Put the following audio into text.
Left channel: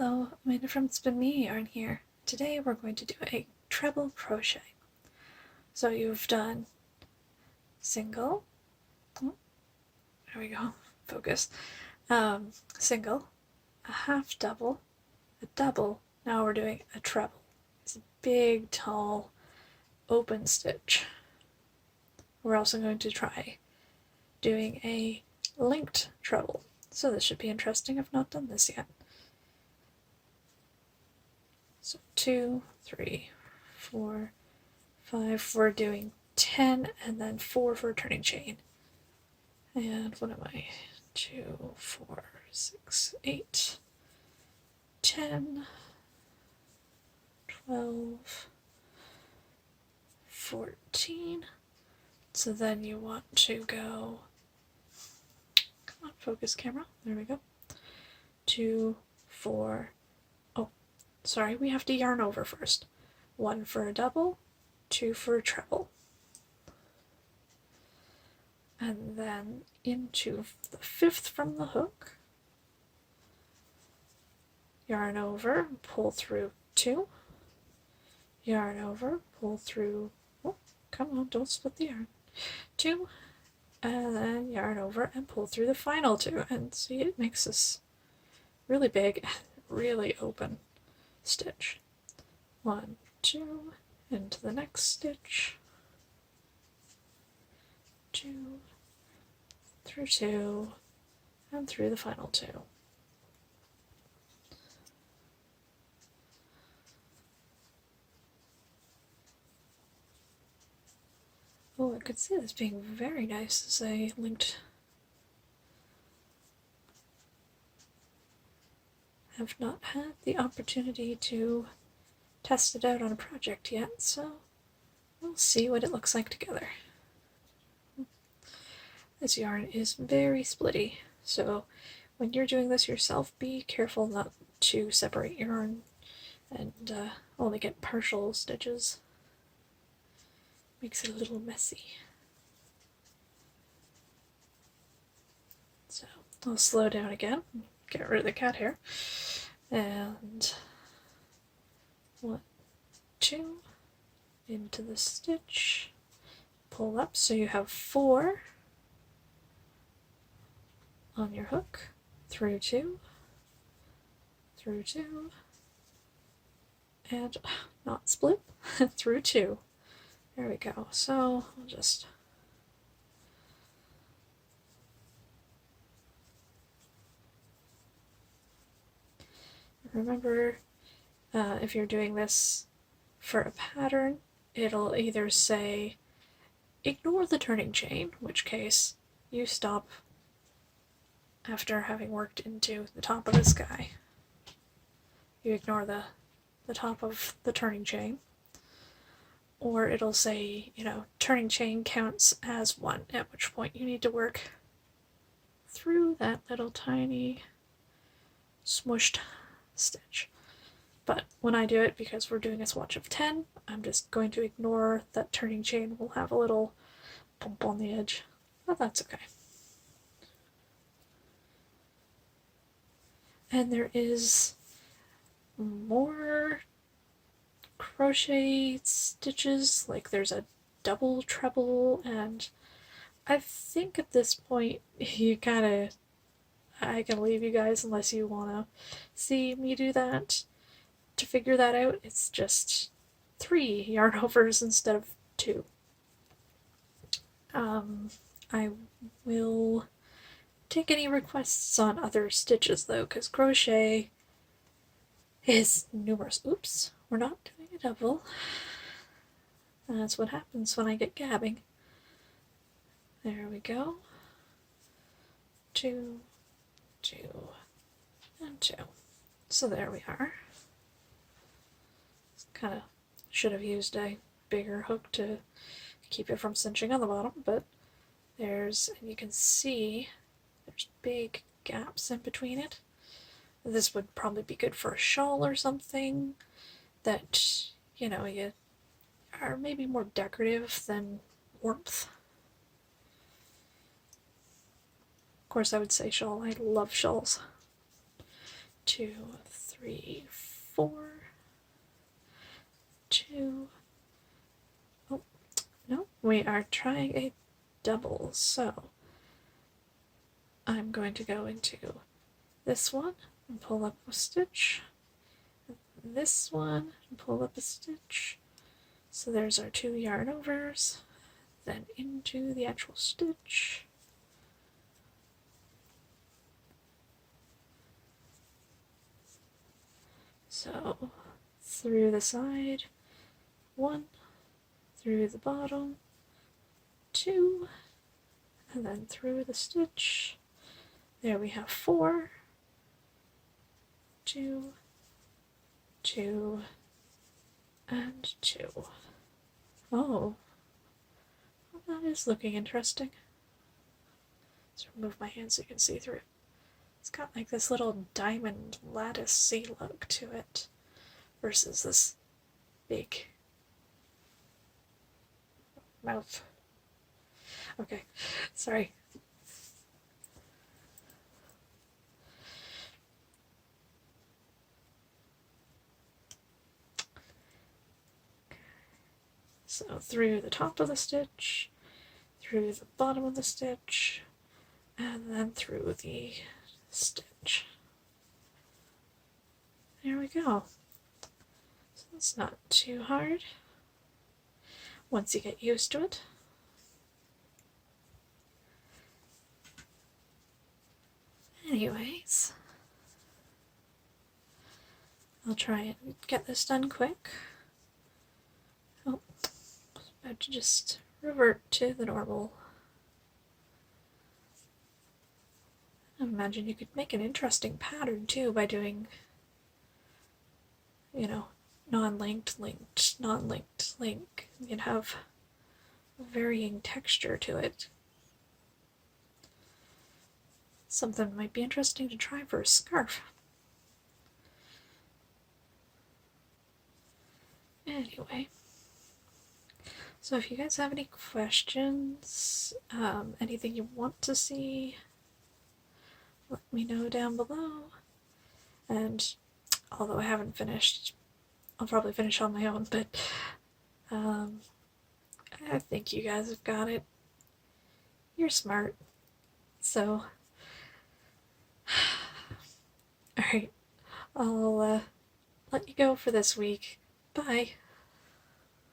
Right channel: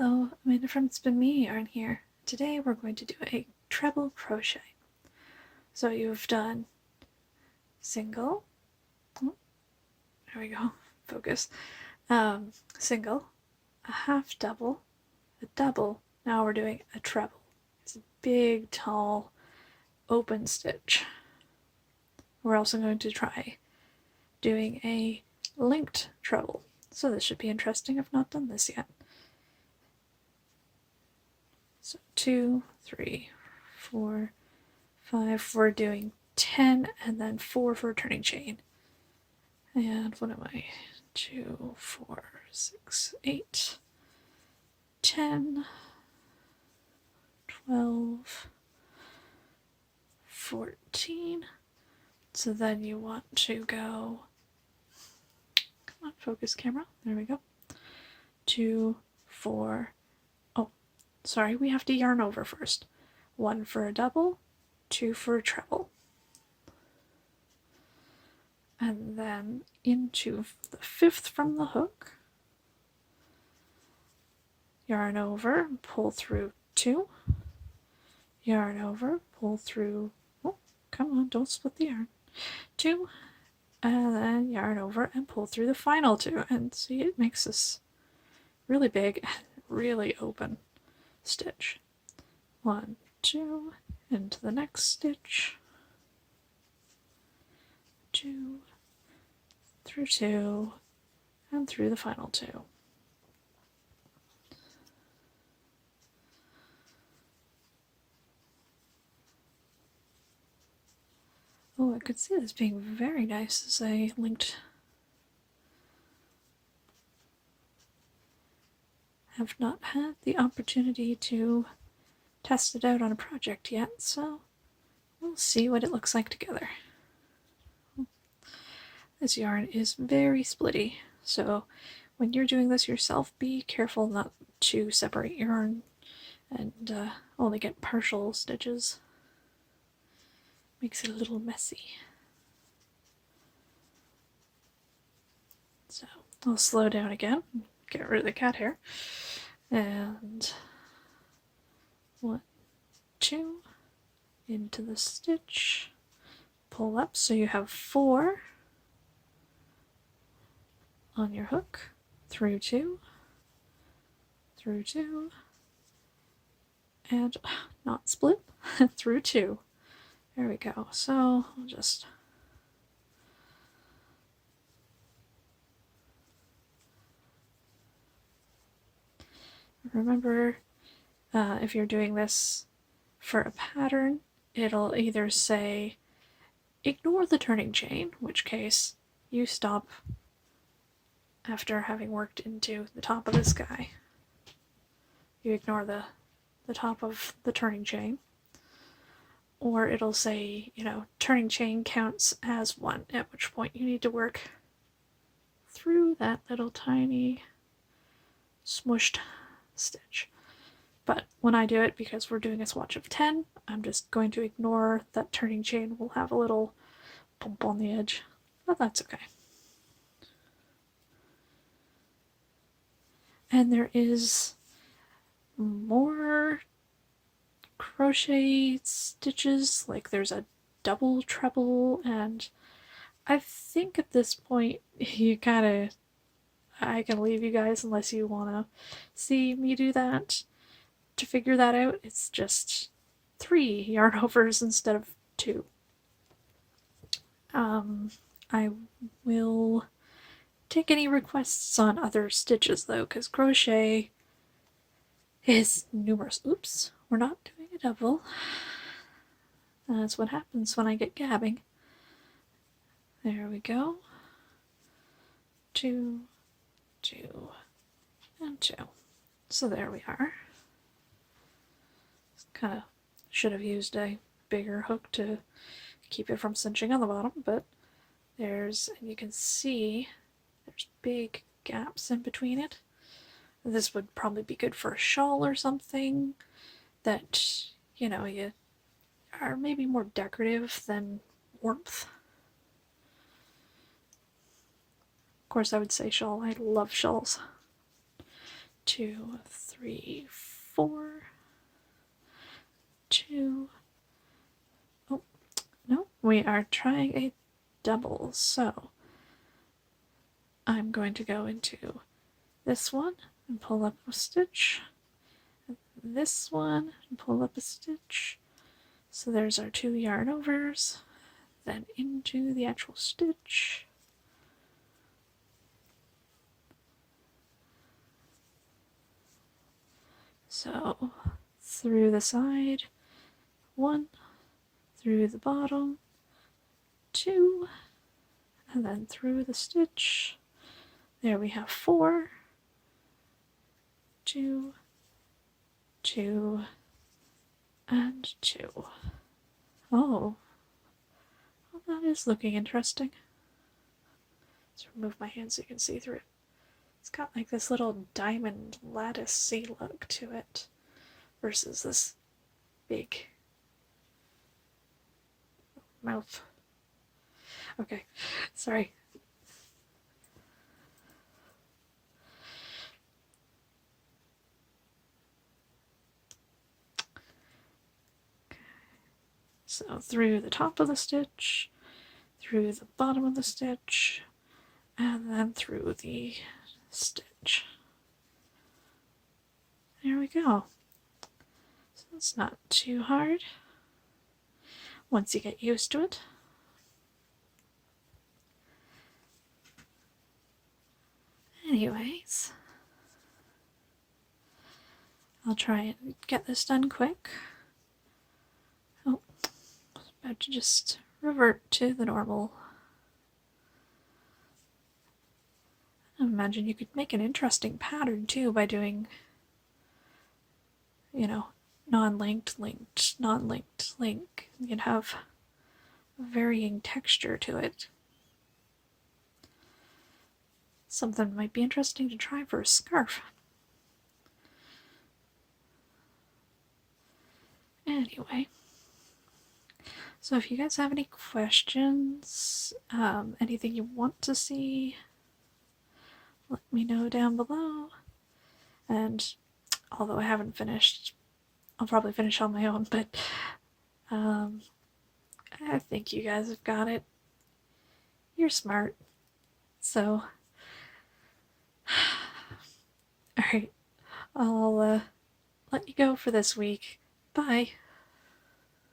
Hello, Amanda from Spin Me Yarn here. Today we're going to do a treble crochet. So you've done single, oh, there we go, focus, single, a half double, a double, now we're doing a treble. It's a big, tall, open stitch. We're also going to try doing a linked treble. So this should be interesting. I've not done this yet. So 2, 3, 4, 5, we're doing 10 and then 4 for a turning chain. And what am I? 2, 4, 6, 8, 10, 12, 14. So then you want to go, come on, focus camera, there we go. 2, 4, oh, sorry, we have to yarn over first. 1 for a double, 2 for a treble. And then into the 5th from the hook, yarn over, pull through 2, yarn over, pull through, oh, come on, don't split the yarn, 2, and then yarn over and pull through the final 2, and see, it makes this really big and really open stitch. 1, 2, into the next stitch, 2, through 2, and through the final 2. Oh, I could see this being very nice as a linked. Have not had the opportunity to test it out on a project yet, so we'll see what it looks like together. This yarn is very splitty, so when you're doing this yourself, be careful not to separate yarn and only get partial stitches. Makes it a little messy. So I'll slow down again, get rid of the cat hair, and 1, 2, into the stitch, pull up so you have 4 on your hook, through 2, through 2, and not split, through 2. There we go. So I'll just remember, if you're doing this for a pattern, it'll either say ignore the turning chain, in which case you stop after having worked into the top of this guy. You ignore the top of the turning chain. Or it'll say, you know, turning chain counts as 1, at which point you need to work through that little tiny smushed stitch. But when I do it, because we're doing a swatch of 10, I'm just going to ignore that turning chain. We'll have a little bump on the edge, but that's okay. And there is more crochet stitches, like there's a double treble, and I think at this point you I can leave you guys unless you want to see me do that to figure that out. It's just 3 yarn overs instead of 2. I will take any requests on other stitches though, because crochet is numerous. Oops, we're not doing a double. That's what happens when I get gabbing. There we go. 2, 2, and 2. So there we are. Kind of should have used a bigger hook to keep it from cinching on the bottom, but and you can see there's big gaps in between it. This would probably be good for a shawl or something that, you know, you are maybe more decorative than warmth. Of course, I would say shawl. I love shawls. 2, 3, 4, 2. Oh, no, we are trying a double, so I'm going to go into this one and pull up a stitch, this one and pull up a stitch. So there's our 2 yarn overs, then into the actual stitch. So through the side, 1, through the bottom, 2, and then through the stitch. There we have 4, 2, 2, and 2. Oh, well, that is looking interesting. Let's remove my hand so you can see through. It's got like this little diamond lattice-y look to it versus this big mouth. Okay, sorry. So through the top of the stitch, through the bottom of the stitch, and then through the stitch. There we go. So it's not too hard once you get used to it. Anyways, I'll try and get this done quick. Oh, I was about to just revert to the normal. I imagine you could make an interesting pattern too by doing, non-linked, linked, non-linked, link. You'd have varying texture to it. Something might be interesting to try for a scarf. Anyway, so if you guys have any questions, anything you want to see, let me know down below. And although I haven't finished, I'll probably finish on my own, but I think you guys have got it. You're smart. So, alright, I'll let you go for this week. Bye.